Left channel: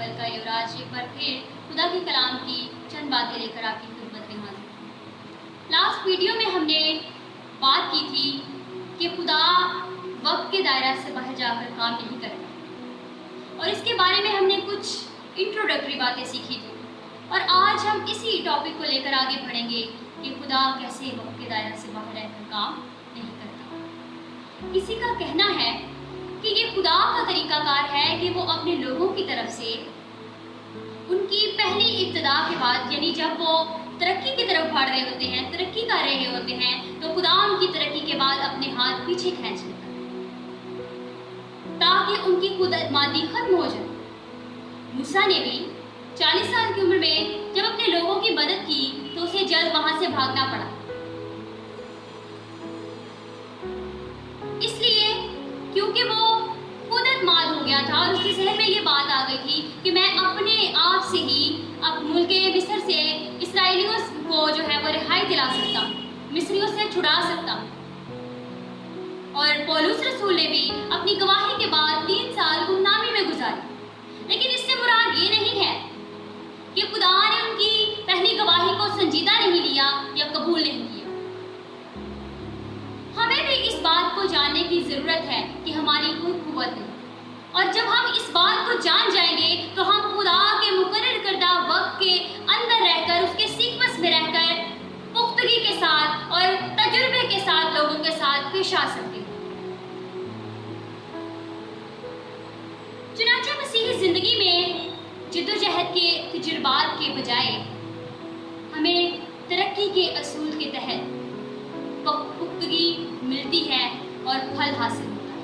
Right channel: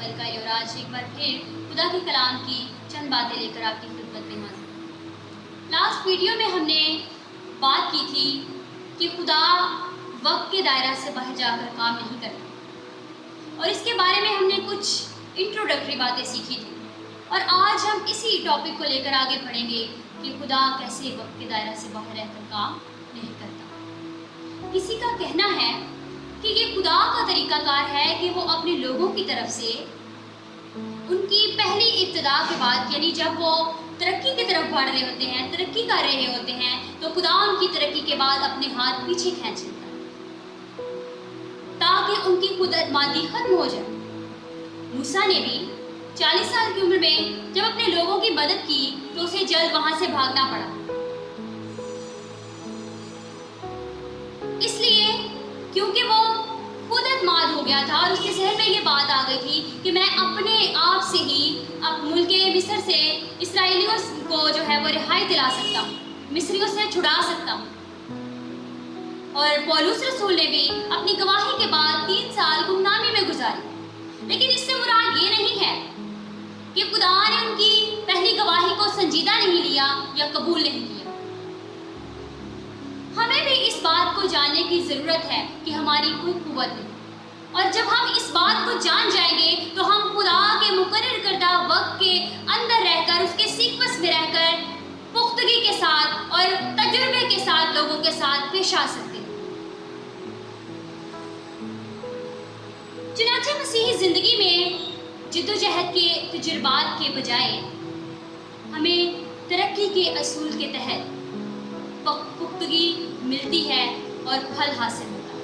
अव्वल का ये और आज एक बार फिर खुदा के कलाम की चंद बातें लेकर आपकी खिदमत में हाजिर। लास्ट वीडियो में हमने बात की थी कि खुदा वक्त के दायरा से बाहर जाकर काम नहीं करता, और इसके बारे में हमने कुछ इंट्रोडक्टरी बातें सीखी थी। और आज हम इसी टॉपिक को लेकर आगे बढ़ेंगे कि खुदा कैसे वक्त के दायरा से बाहर रहकर काम नहीं करता। किसी का कहना है कि ये खुदा का तरीकाकार है कि वो अपने लोगों की तरफ से उनकी पहली इब्तिदा के बाद, यानी जब वो तरक्की की तरफ बढ़ रहे होते हैं, तरक्की कर रहे होते हैं, तो खुदा उनकी तरक्की के बाद अपने हाथ पीछे खींच लेता है ताकि उनकी कुदरतमांदी खत्म हो जाए। मूसा ने भी 40 साल की उम्र में जब अपने लोगों की मदद की तो उसे जल्द वहां से भागना पड़ा, इसलिए क्योंकि वो खुद एतमाद हो गया था और उसके जहन में ये बात आ गई थी कि मैं अपने आप से ही अब मुल्क मिस्र से इसराइलियों को जो है वो रिहाई दिला सकता हूँ, मिस्रियों से छुड़ा सकता हूँ। और पौलुस रसूल ने भी अपनी गवाही के बाद 3 साल गुमनामी में गुजारी, लेकिन इससे मुराद ये नहीं है कि खुदा ने उनकी पहली गवाही को संजीदा नहीं लिया या कबूल नहीं किया। हमें भी इस बात को जानने की ज़रूरत है कि हमारी कोई कुव्वत नहीं, और जब हम इस बात को जान जाएंगे तो हम खुदा के मुकर्रर करदा वक्त के अंदर रहकर, उसके सीक्वेंस में रहकर पुख्तगी के साथ और तजुर्बे के साथ लोगों के साथ पेश आ सकते हैं। चुनांचे मसीही ज़िंदगी में जिद्दोजहद के तजुर्बात के बजाय हमें तरक्की के असूल के तहत पुख्तगी मिलती है और फल हासिल होता है।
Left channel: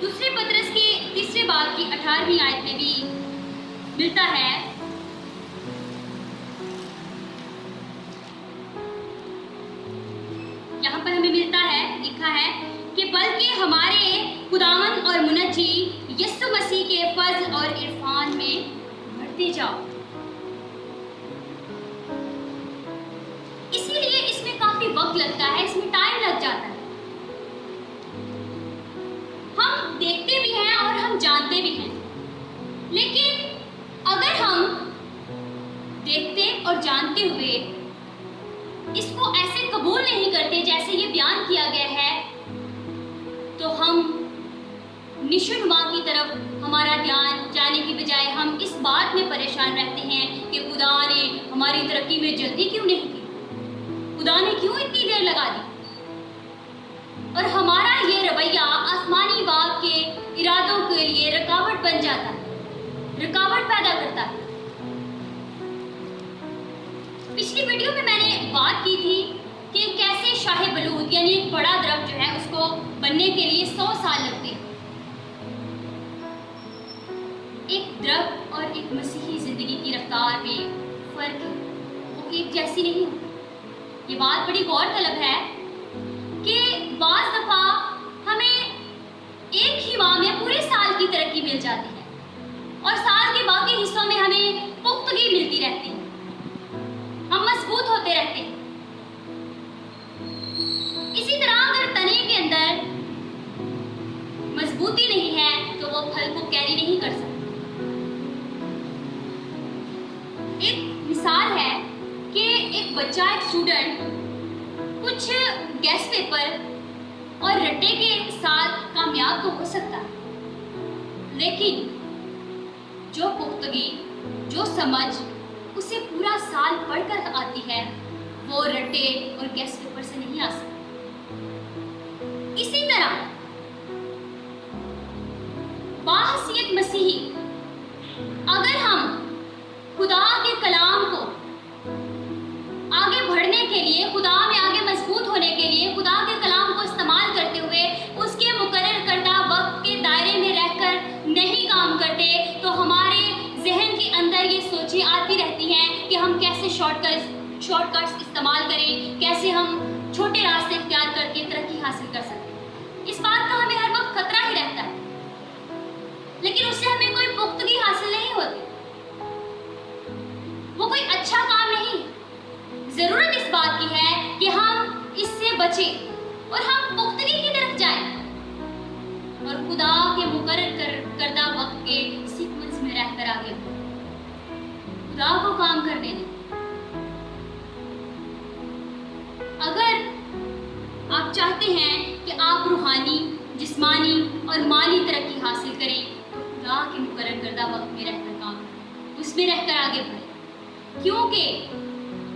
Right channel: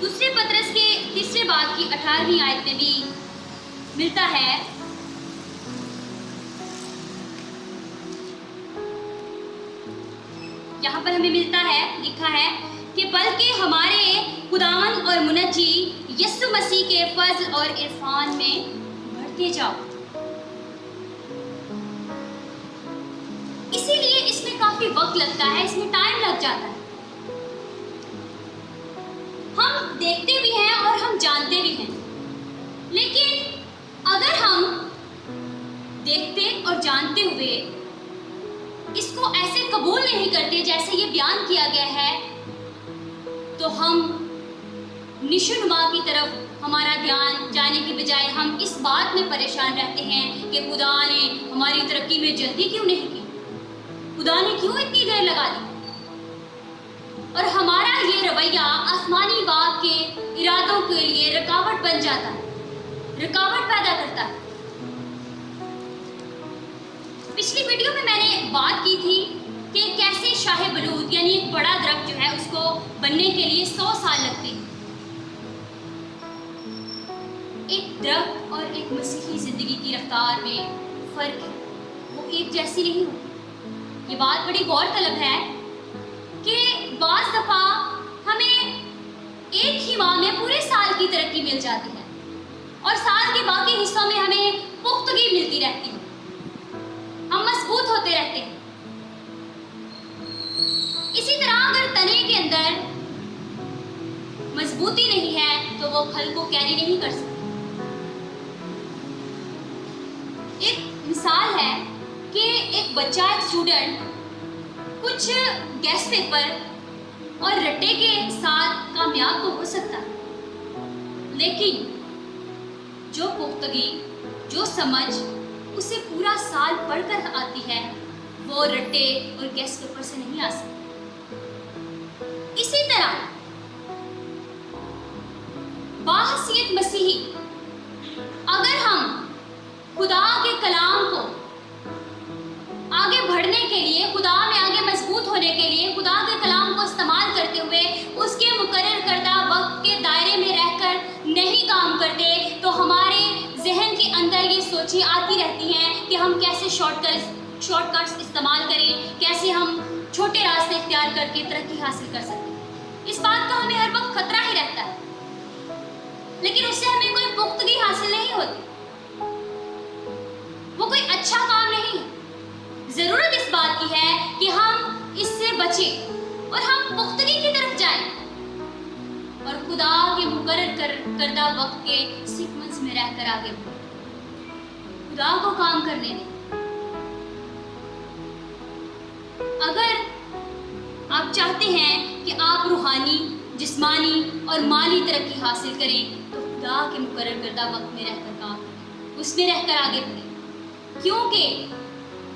दूसरे पतरस के तीसरे बाब की 18वीं आयत में भी मिलता है, यहाँ पर हमें मिलता है, लिखा है कि बल्कि हमारे खुदावंद और मुनज्जी यीशु मसीह के फज़्ल और इरफान में बढ़ते जाओ। इसीलिए इसमें काफी वक्त लगता है, इसमें टाइम लग जाता है। हम देखते भी हैं और हम जानते भी हैं, लेकिन अगर हम देखते और जानते हुए इसको ऐसे कबूल नहीं करते जैसे ये बयान किया गया है, तो हम निशुनुमा की तरफ हमारा ध्यान जाने की बजाय हम इस बात में परेशान रहते हैं कि खुदा ने हमारी तरक्की में जल्दी क्यों नहीं की, खुदा ने क्यों इतनी देर लगा दी। और हमारा ये रवैया आसमानी बाग के इरादों के लिए रुकावट बन जाता है, रुकावट पैदा करता है। पिछली वीडियो में मैंने बात की थी कि कैसे शाह बलूद यानी एक बड़ा दरख्त जो है उसको बनने के लिए 100 साल लगते हैं। एक दरख्त और एक मसीही ज़िंदगी की रफ्तार में फ़र्क है, वो एक जैसी नहीं होती। ये बात बड़ी गौर तलब है कि बाज़ दफ़ा हमें एक ही माह में पूरे साल की तरक्की मिल जाती है और साल के बाकी हिस्सों में हमें पुख्तगी मिलती रहती है, हम मजबूत होते रहते हैं। इसी तरह अगर तने के अंदर मजबूती नहीं है तो वो फल को कैरी नहीं कर सकता। एक मिसाल है कि एक बच्चा, एक स्टूडेंट कुछ गेस्ट पेपर और रट्टे के साथ कामयाब तो हो सकता है, लेकिन जो पुख्तगी, जो समझ उसे पूरा साल पढ़कर आती है, वो रट्टे और गेस्ट पेपर से नहीं आ सकती। इसी तरह बाहसियत मसीही अगर हम खुदा के कलाम को आगे बढ़ने के लिए, खुदा में आगे मजबूत होने के लिए खुदा के कलाम को इस्तेमाल करते हुए उसके मुकर्रर करदा वक्त के दायरे में रहकर नहीं काम करते, तो हमारे जहन के अंदर ये सोचें आती रहती हैं कि हम कैसे शॉर्टकट्स इस्तेमाल करें, कैसे हम छोटे रास्ते इख्तियार करके तरक्की हासिल कर सकते हैं। इस बात का हमें हर वक्त खतरा ही रहता है, लेकिन उससे हमें कोई पुख्तगी हासिल नहीं होती, वो कोई अच्छा काम नहीं है। ज़रूरत इस बात की है कि हम इससे बचें और हम पुख्तगी की तरफ जाएं और خدا کے مقرر کردہ وقت کے سیکوینس میں رہ کر آگے بڑھیں. خدا کو کام کرنے دیں. اگر آپ چاہتے ہیں کہ آپ روحانی، جسمانی اور مالی ترقی حاصل کریں تو خدا کے مقرر کردہ وقت میں رہ کر کام کریں، اس میں رہ کر آگے بڑھیں. کیونکہ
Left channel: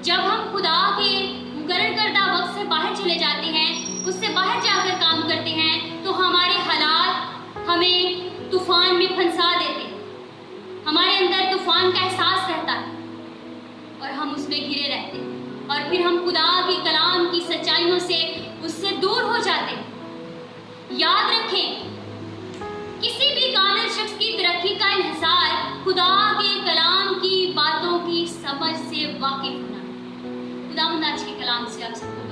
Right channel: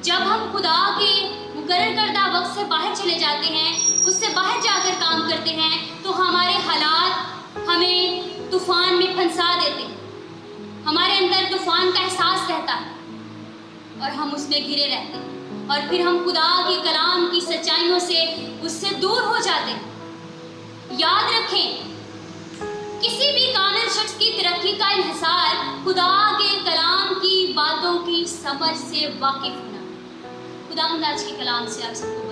جب ہم خدا کے مقرر کردہ وقت سے باہر چلے جاتے ہیں، اس سے باہر جا کر کام کرتے ہیں، تو ہمارے حالات ہمیں طوفان میں پھنسا دیتے ہیں. ہمارے اندر طوفان کا احساس رہتا ہے اور ہم اس میں گھرے رہتے ہیں، اور پھر ہم خدا کے کلام کی سچائیوں سے اس سے دور ہو جاتے ہیں. یاد رکھیں، کسی بھی کامل شخص کی ترقی کا انحصار خدا کے کلام کی باتوں کی سمجھ سے واقف ہونا. خدا آج کے کلام سے آپ سب کو